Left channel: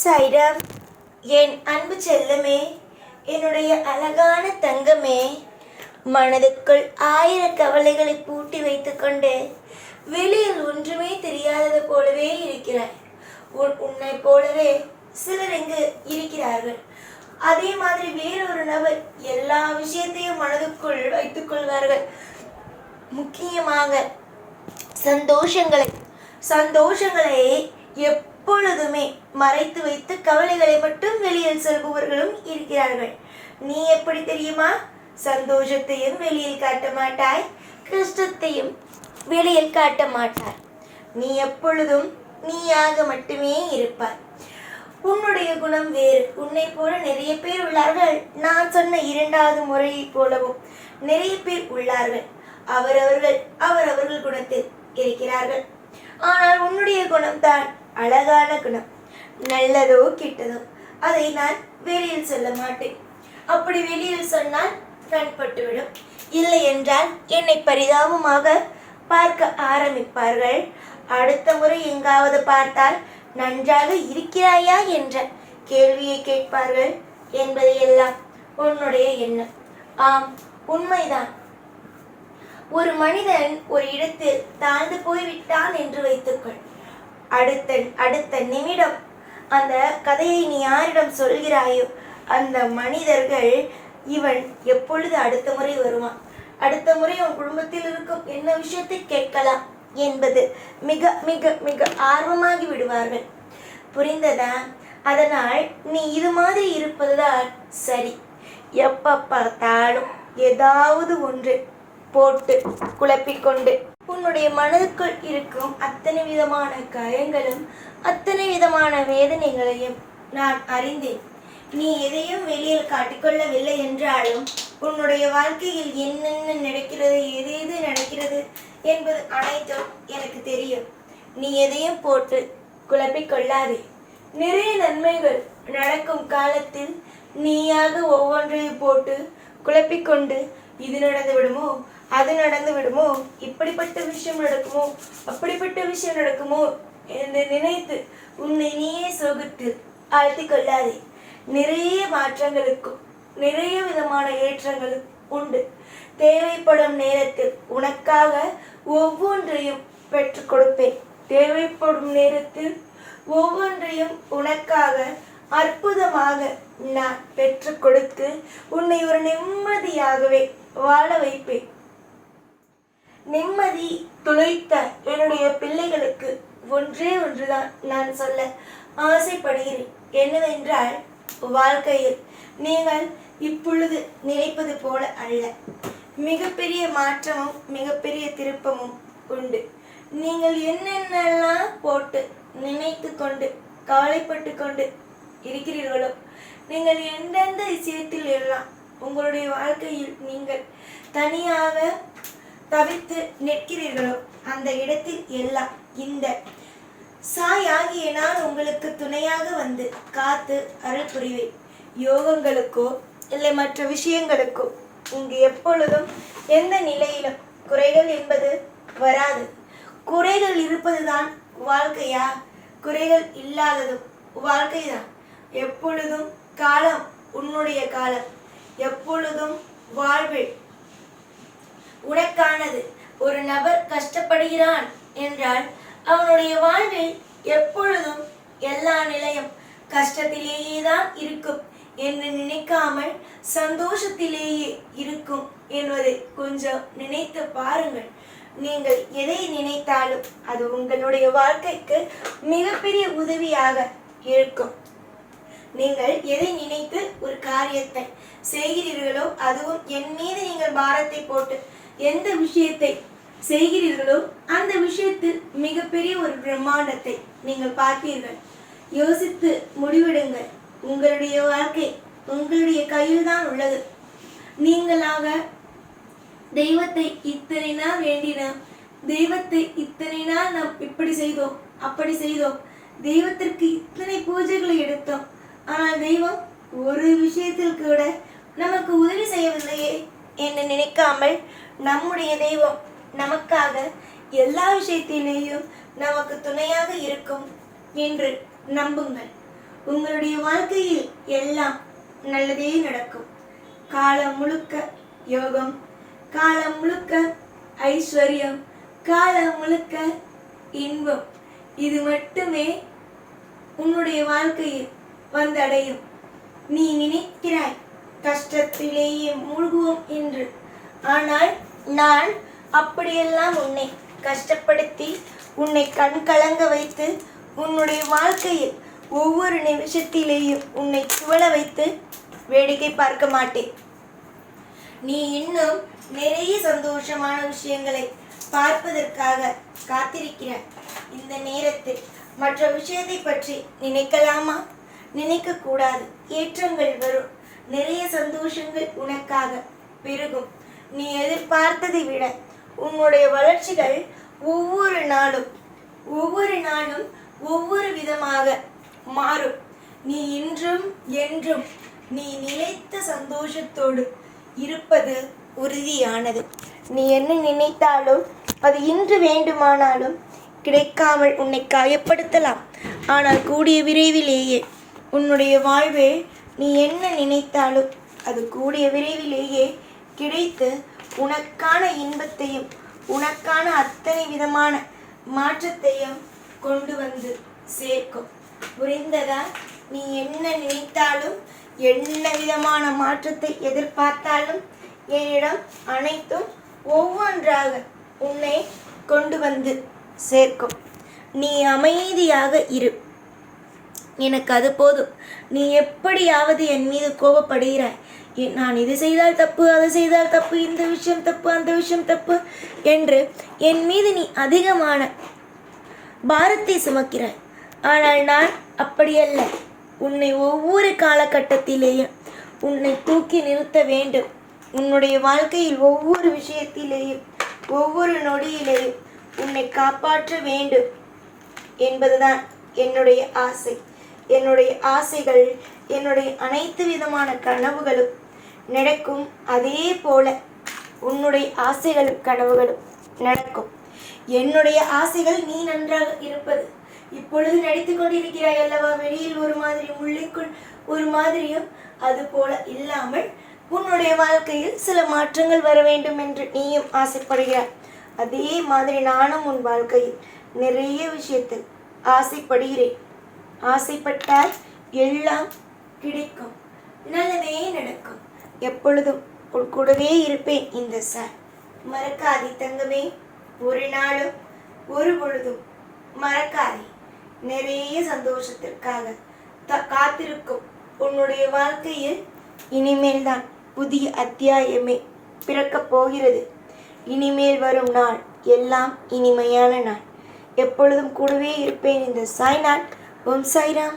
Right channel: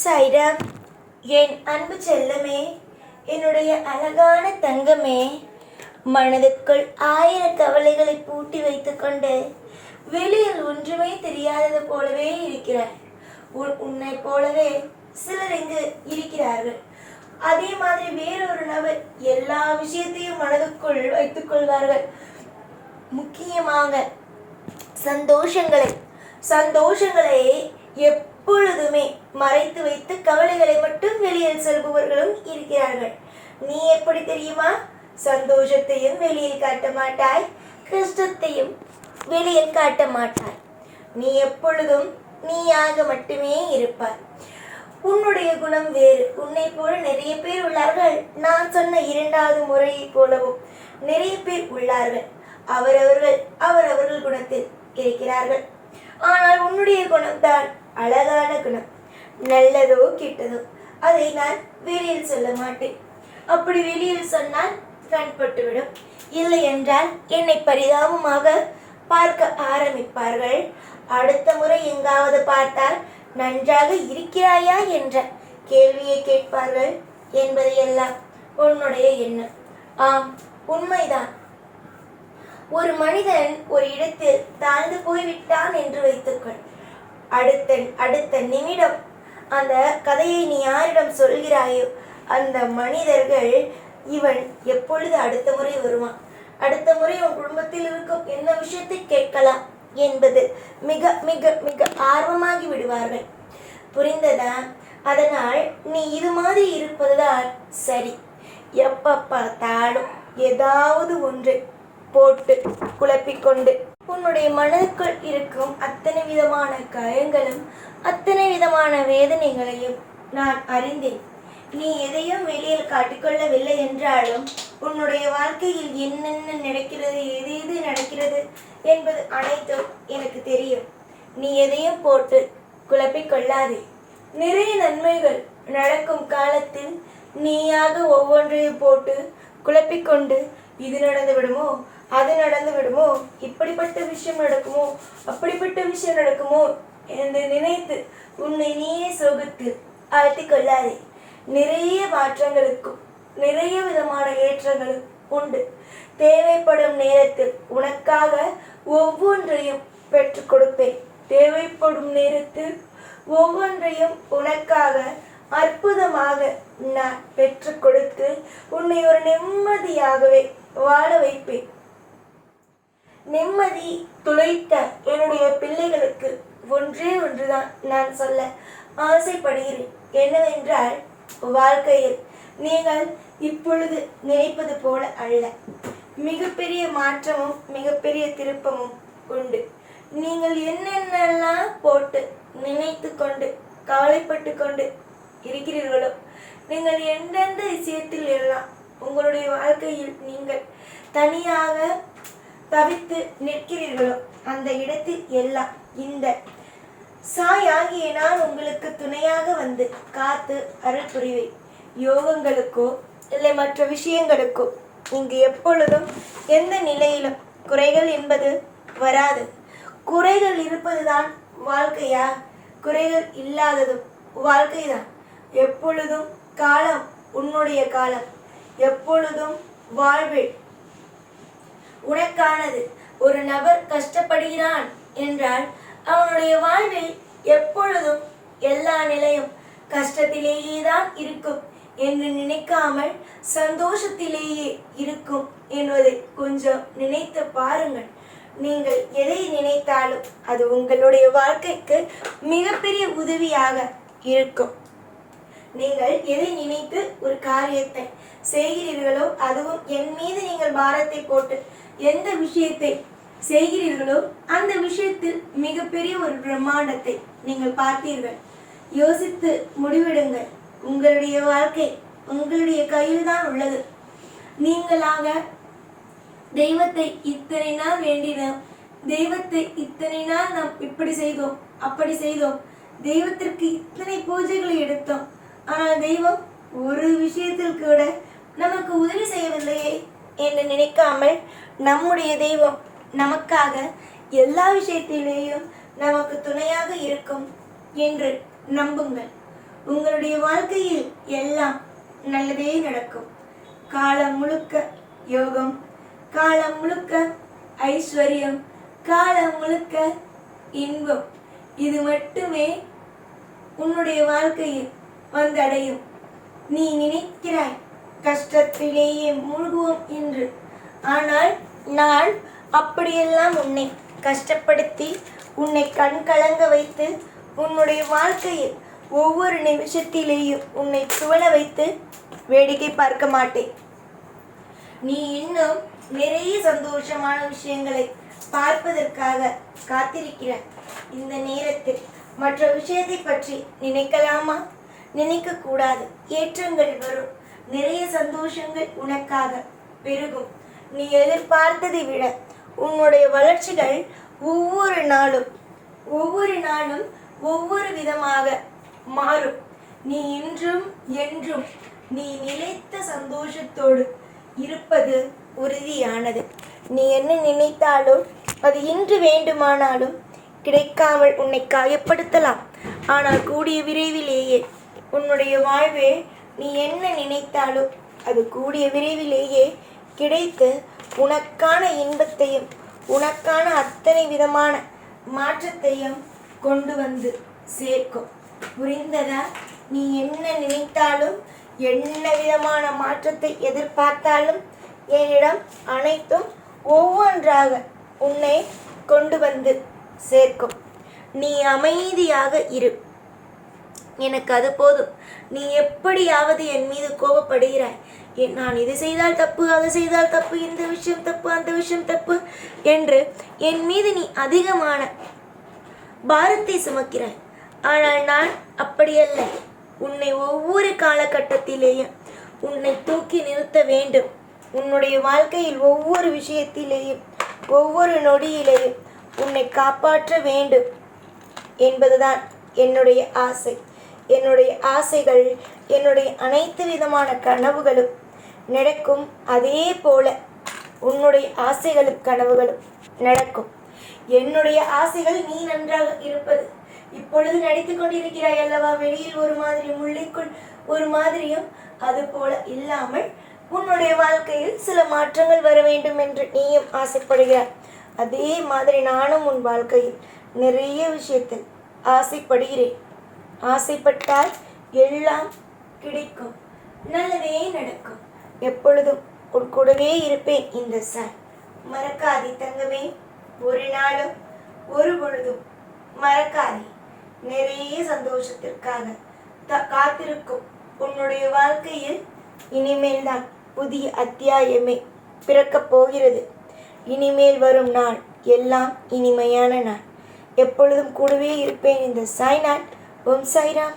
சாய்ராம், என் அன்பு செல்லமே, என்னுடைய அழகான தங்கமே, மனதுக்குள் 1000 கவலைகளை பூட்டி வைத்துக்கொண்டு வெளியில் ஒன்றுமே தெரியாதது போலவே இருக்கிறாய். உன்னை போலவே சிலர் இங்கு இருக்கிறார்கள். அதே மாதிரி வேறொரு நபர் எல்லா விஷயத்தையும் மனதுக்குள் வைத்துக் கொள்வார்கள். முக்கியமாக சந்தோஷங்களை எப்பொழுதுமே மறைத்து வைத்து கவலைகளை மட்டும் வெளியில் செல்பவர்களும் இருக்கிறார்கள். நீ எப்படி தெரியுமா? சந்தோஷத்தையும் வெளியில் காட்ட மாட்டாய், கஷ்டத்தையும் வெளியில் காட்ட மாட்டாய். நீ எப்பொழுதும் நீயாக மட்டுமே இருப்பாய். உன்னுடைய குணம் வேறு. உன்னை போல நிறைய பேர் உள்ளார்கள். நான் சொன்ன 2வது முறையை போலவும் நிறைய பேர் உள்ளார்கள். அவரவர்கள் குணத்தில் இருக்கிறார்கள். ஆனால் உன்னுடைய குணம்தான் அழகான குணம். நல்லதோ கெட்டதோ அதை நான் வெளியில் சொல்ல மாட்டேன். அப்படி வெளியில் சொன்னால் கண்பட்டுவிடும். இல்லை என்றால் என்னை பரிதாபமாக பார்க்க ஆரம்பிப்பார்கள். அடுத்த முறை எங்காவது பார்த்தால் நன்றாக இருக்கிறாயா என்ற கேள்வியை கேட்பார்கள் என்பதையெல்லாம் உன்னுடைய எண்ணம். ஆம், உண்மைதான். ஒரு மனிதன் ஒரு இடத்தில் தாழ்ந்து போய்விட்டான் என்று வைத்துக்கொள். அடுத்த நிமிடம் அந்த கதையை நீ யாரிடம் சொல்கிறாயோ அந்த மனிதர்கள், இவன் எப்பொழுது அடுத்த முறை வருவான், அடுத்த முறை உன் குடும்பத்தில் இருக்கும் என்ன விஷயத்தை கேட்கலாம் என்பது மிக மிக மிக ஆர்வமாகி விடுவார்கள். புரிந்ததா? அதனால் நீ இது மாதிரி இருப்பதுதான் சரி. எப்ப பார்த்தாலும் ஏதாவது ஒன்று போட்டு குழப்பிக்கொண்டு உன்னுடைய மனதுக்குள் இருக்கும் அத்தனை விதமான காயங்களும் அத்தனை விதமான வேதனைகளையும் நான் அறிந்தேன். நீ எதையும் வெளியில் காட்டிக்கொள்ளவில்லை என்றாலும் உன்னுடைய வாழ்க்கையில் என்னென்ன நடக்கிறது, எது நடக்கிறது என்பது அனைத்தும் எனக்கு தெரியும். நீ எதையும் போட்டு குழப்பிக்கொள்ளாதே. நிறைய நன்மைகள் நடக்கும் காலத்தில் நீயாக ஒவ்வொன்றையும் போட்டு குழப்பிக்கொண்டு இது நடந்து விடுமோ, அது நடந்து விடுமோ, இப்படிப்பட்ட விஷயம் நடக்குமோ, அப்படிப்பட்ட விஷயம் நடக்குமோ என்று நினைத்து உன்னை நீயே சோகத்தில் ஆழ்த்திக் கொள்ளாதே. நிறைய மாற்றங்களுக்கும் நிறைய விதமான ஏற்றங்களும் உண்டு. தேவைப்படும் நேரத்தில் உனக்காக ஒவ்வொன்றையும் பெற்றுக் கொடுப்பேன். தேவைப்படும் நேரத்தில் ஒவ்வொன்றையும் உனக்காக அற்புதமாக நான் பெற்றுக் கொடுத்து உன்னை ஒரு நிம்மதியாகவே வாழ வைப்பேன். நிம்மதி துளைத்த என்னுடைய பிள்ளைகளுக்கு ஒன்றே ஒன்றுதான் நான் சொல்ல ஆசைப்படுகிறேன். என்னவென்றால், வாழ்க்கையில் நீங்கள் இப்பொழுது நினைப்பது போல அல்ல. மிகப்பெரிய மாற்றமும் மிகப்பெரிய திருப்பமும் உண்டு. நீங்கள் என்னென்னலாம் போட்டு நினைத்து கொண்டு கவலைப்பட்டு கொண்டு இருக்கிறீர்களோ, நீங்கள் எந்தெந்த விஷயத்தில் எல்லாம் உங்களுடைய வாழ்க்கையில் நீங்கள் தனியாக தவித்து நிற்கிறீர்களோ அந்த இடத்தில் எல்லாம் இந்த சாயாகிய நான் உங்களுக்கு துணையாக வந்து காத்து அருள் புரிவேன். யோகங்களுக்கோ இல்லை மற்ற விஷயங்களுக்கோ இங்கு எப்பொழுதும் எந்த நிலையிலும் குறைகள் என்பது வராது. குறைகள் இருப்பதுதான் வாழ்க்கையா? குறைகள் இல்லாததும் வாழ்க்கைதான். எப்பொழுதும் காலம் உன்னுடைய காலம். எப்பொழுதும் வாழ்வில் உனக்கானது. ஒரு நபர் கஷ்டப்படுகிறான் என்றால் அவனுடைய வாழ்வில் எப்பொழுதும் எல்லா நிலையும் கஷ்டத்திலேயே தான் இருக்கும் என்று நினைக்காமல் சந்தோஷத்திலேயே இருக்கும் என்பதை கொஞ்சம் நினைத்து பாருங்கள். நீங்கள் எதை நினைத்தாலும் அது உங்களுடைய வாழ்க்கைக்கு மிகப்பெரிய உதவியாக இருக்கும். நீங்கள் எதை நினைத்து ஒரு காரியத்தை செய்கிறீர்களோ, அதுவும் என் மீது நீங்கள் பாரத்தை போட்டு எந்த விஷயத்தை செய்கிறீர்களோ அந்த விஷயத்தில் மிகப்பெரிய ஒரு பிரம்மாண்டத்தை நீங்கள் பார்ப்பீர்கள். யோசித்து முடிவெடுங்கள். உங்களுடைய வாழ்க்கை உங்களுடைய கையில் தான் உள்ளது. நீங்களாக தெய்வத்தை இத்தனை நாள் வேண்டினோம், தெய்வத்தை இத்தனை நாள் நாம் இப்படி செய்தோம் அப்படி செய்தோம், தெய்வத்திற்கு இத்தனை பூஜைகளை எடுத்தோம், ஆனால் தெய்வம் ஒரு விஷயத்தில் கூட நமக்கு உதவி செய்யவில்லையே என்று நினைக்காமல் நம்முடைய தெய்வம் நமக்காக எல்லா விஷயத்திலேயும் நமக்கு துணையாக இருக்கும் என்று நம்புங்கள். உங்களுடைய வாழ்க்கையில் எல்லாம் நல்லதே நடக்கும். காலம் முழுக்க யோகம், காலம் முழுக்க ஐஸ்வர்யம், காலம் முழுக்க இன்பம். இது மட்டுமே உன்னுடைய வாழ்க்கையில் வந்தடையும். நீ நினைக்கிறாய் கஷ்டத்திலேயே மூழ்குவோம் என்று. ஆனால் நான் அப்படியெல்லாம் உன்னை கஷ்டப்படுத்தி, உன்னை கண் கலங்க வைத்து, உன்னுடைய வாழ்க்கையில் ஒவ்வொரு நிமிஷத்திலேயும் உன்னை துவள வைத்து வேடிக்கை பார்க்க மாட்டேன். நீ இன்னும் நிறைய சந்தோஷமான விஷயங்களை பார்ப்பதற்காக காத்திருக்கிறாய். இந்த நேரத்தில் மற்ற விஷயத்தை பற்றி நினைக்கலாமா? நினைக்க கூடாது. ஏற்றங்கள் வரும், நிறைய சந்தோஷங்கள் உனக்காக பெருகும். நீ எதிர்பார்த்ததை விட உன்னுடைய வளர்ச்சிகள் ஒவ்வொரு நாளும் ஒவ்வொரு விதமாக மாறும். நீ இன்றும் என்றும் நீ நிலைத்த சந்தோஷத்தோடு இருப்பது உறுதியானது. நீ என்ன நினைத்தாலும் அது இன்று வேண்டுமானாலும் கிடைக்காமல் உன்னை காயப்படுத்தலாம். ஆனால் கூடிய விரைவிலேயே உன்னுடைய வாழ்வே நீ என்ன நினைத்தாலும் அது கூடிய விரைவிலேயே கிடைத்து உனக்கான இன்பத்தையும் உனக்கான அத்தனை விதமான மாற்றத்தையும் கொண்டு வந்து சேர்க்கும். புரிந்ததா? நீ என்ன நினைத்தாலும் என்ன விதமான மாற்றத்தை எதிர்பார்த்தாலும் என்னிடம் அனைத்தும் ஒவ்வொன்றாக உன்னை கொண்டு வந்து சேர்க்கும். நீ அமைதியாக இரு, எனக்கு அது போதும். நீ எப்படியாவது என் மீது கோபப்படுகிறாய். நான் இது செய்தால் தப்பு, அது செய்தால் தப்பு, இந்த விஷயம் தப்பு, அந்த விஷயம் தப்பு என்று என் மீது நீ அதிகமான பாரத்தை சுமக்கிறாய். ஆனால் நான் அப்படியல்ல. உன்னை ஒவ்வொரு காலகட்டத்திலேயும் உன்னை தூக்கி நிறுத்த வேண்டும். உன்னுடைய வாழ்க்கையில் ஒவ்வொரு விஷயத்திலேயும் ஒவ்வொரு நொடியிலேயும் உன்னை காப்பாற்ற வேண்டும் என்பதுதான் என்னுடைய ஆசை. என்னுடைய ஆசைகள், என்னுடைய அனைத்து விதமான கனவுகளும் நடக்கும். அதே போல உன்னுடைய ஆசைகளும் கனவுகளும் நடக்கும். என்னுடைய ஆசைகள் நீ நன்றாக இருப்பது. இப்பொழுது நடித்து கொண்டிருக்கிறாய் அல்லவா? வெளியில் ஒரு மாதிரி, உள்ளுக்குள் ஒரு மாதிரியும். அது போல இல்லாமல் உன்னுடைய வாழ்க்கையில் சில மாற்றங்கள் வர வேண்டும் என்று நீயும் ஆசைப்படுகிறாய். அதே மாதிரி நானும் உன் வாழ்க்கையில் நிறைய விஷயத்தில் ஆசைப்படுகிறேன். ஆசைப்பட்டால் எல்லாம் கிடைக்கும், நல்லதே நடக்கும். எப்பொழுதும் உன் கூடவே இருப்பேன் இந்த சார். மறக்காதே தங்கமே, ஒரு நாளும் ஒரு பொழுதும் மறக்காதே. நிறைய சந்தோஷத்திற்காக காத்திருக்கும் உன்னுடைய வாழ்க்கையில் இனிமேல் தான் புதிய அத்தியாயமே பிறக்கப் போகிறது. இனிமேல் வரும் நாள் எல்லாம் இனிமையான நாள். எப்பொழுதும் கூடவே இருப்பேன் இந்த சாய்நாள். ஓம் சாய்ராம்.